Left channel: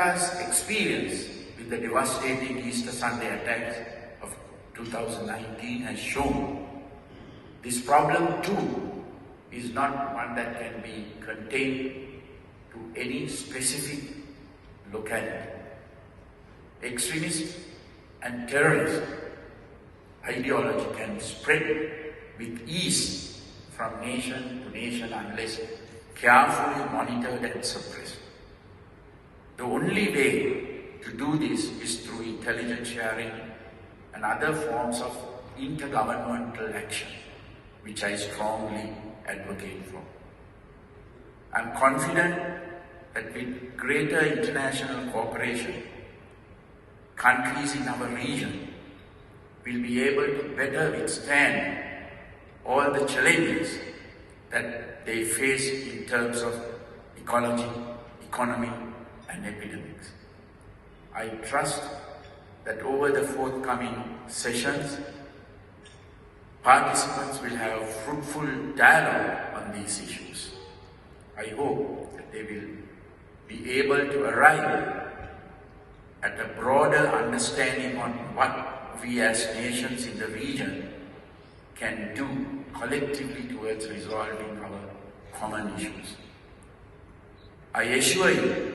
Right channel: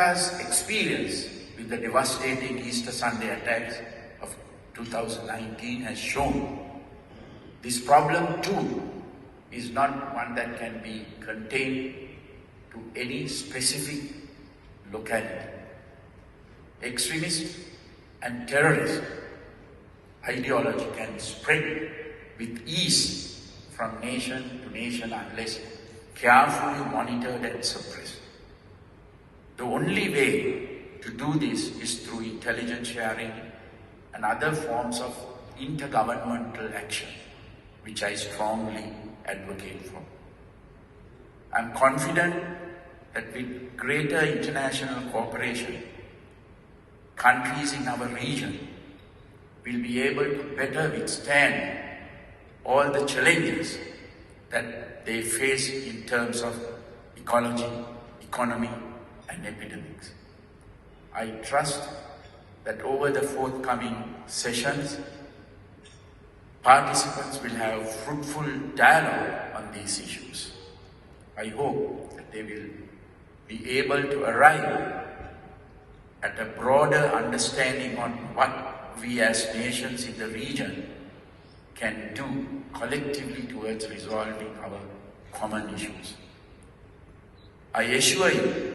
Lanka's experience with the devastating Easter Sunday attacks of 2019 has shown, this problem too is not one that can be contained to any specific locality. Extremism and terrorism ideology can spread with ease from nation to nation unless carefully monitored and suppressed. The only way to do this is through intelligence sharing and other forms of intergovernmental action, which I strongly advocate for. I am confident that with greater international cooperation, countries in our region will be able to better withstand all the challenges that they face in terms of ecology, economy, and epidemics. I trust that over the forthcoming sessions, participants will have fruitful dialogue on these issues. I hope that they will be able to arrive at a broader understanding on what we as nations in the region can do collectively towards resolving our common issues. I assure you